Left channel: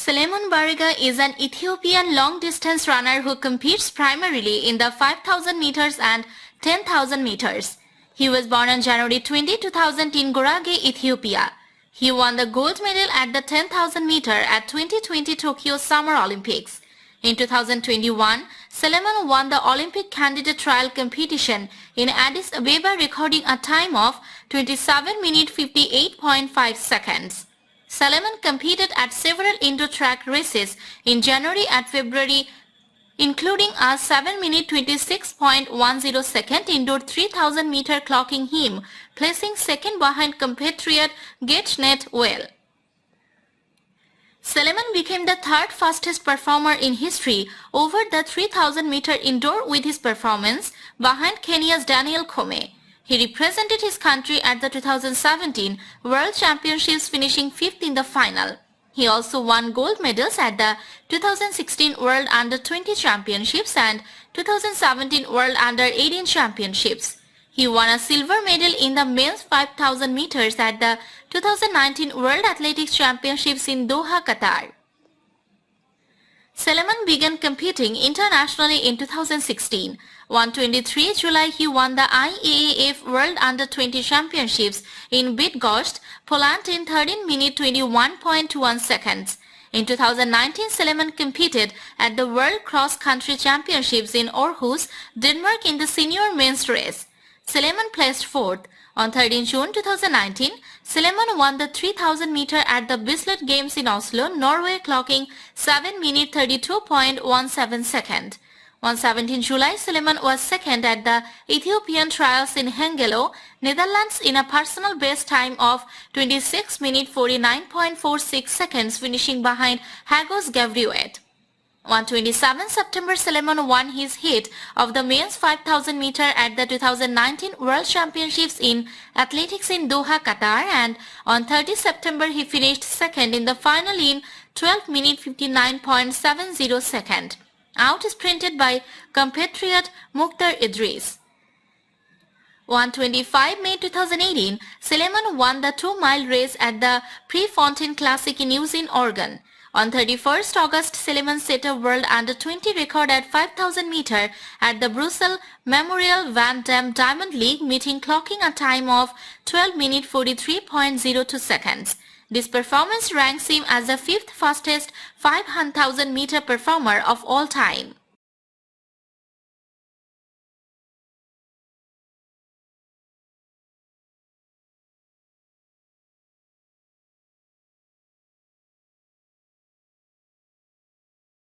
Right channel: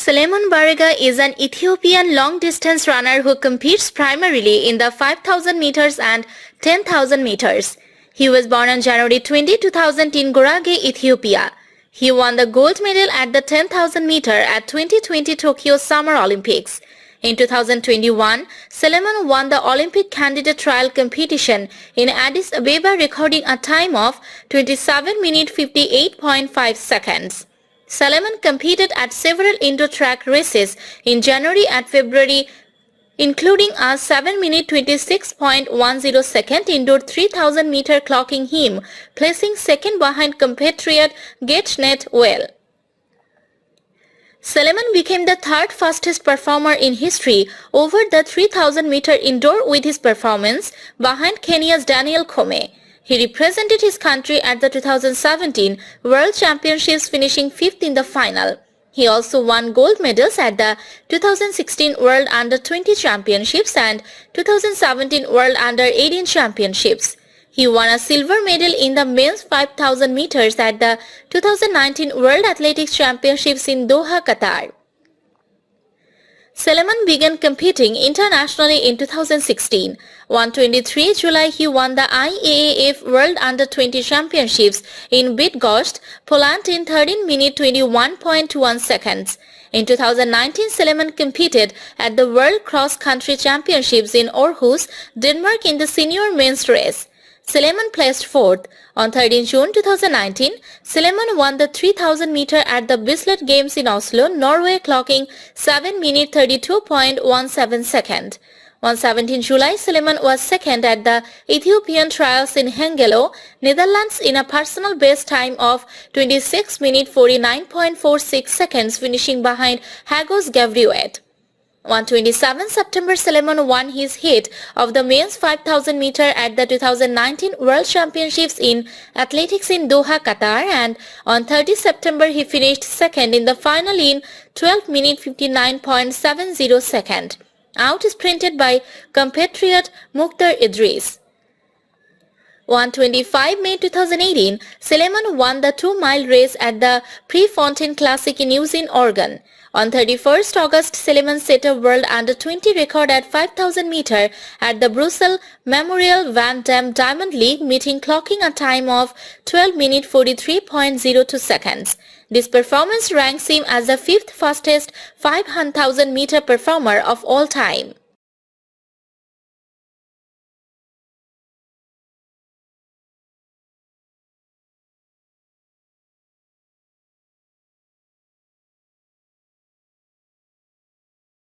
Suleiman Barega is an Ethiopian long-distance runner who competes primarily in the 5,000 meters and 10,000 meters. He was born on January 20, 2000 in Gorage, Ethiopia. He won the gold medal at the 10,000 meter at 2020 Tokyo Summer Olympics. In 2021, Suleiman won the Olympic candidate trial competition in Addis Ababa, recording a time of 27 minutes 58.5 seconds. Suleiman competed at several indoor track races in January and February, including a 7 minute 26.10 second indoor 3000 meter, clocking him placing second behind compatriot Getnet Well. Suleiman became the third fastest performer in history over the 3000 meter indoor with his performance behind Kenya's Daniel Kome. He represented his country at the 2017 World Championships, finishing 5th in the final. He also won gold medals at the 2016 World Under-20 Championships and 2017 World Under-18 Championships. He won a silver medal in the men's 5,000 meters at the 2019 World Athletics Championships in Doha, Qatar. Suleiman began competing internationally in 2016. On 23 July, he won the IAAF World Under-20 Championships in Bydgoszcz, Poland in 13 minutes 21.21 seconds. In 2019, Suleiman competed at the World Cross Country Championships in Aarhus, Denmark in the senior men's race. Suleiman placed 4th. On 13 June 2019, Suleiman won the 3000 meter at the Bislett Games in Oslo, Norway, clocking 7 minutes 32.17 seconds. On 17 July, Suleiman was second at the Ethiopian trials in Hengelo, Netherlands in a personal best time of 26 minutes 49.46 seconds, finishing behind Hagos Gavriouet. On 27 September, Suleiman won his heat of the men's 5,000 meter at the 2019 World Championships in Athletics in Doha, Qatar, and on 30 September he finished second in the final in 12 minutes 59.70 seconds, out-sprinted by compatriot Mukhtar Idris. On 25 May 2018, Suleiman won the 2-mile race at the Prefontaine Classic in Eugene, Oregon. On 31st August, Suleiman set a world under-20 record at 5,000 meter at the Brussels Memorial Van Damme Diamond League meeting, clocking a time of 12 minutes 43.02 seconds. This performance ranks him as the 5th fastest 5,000 meter performer of all time.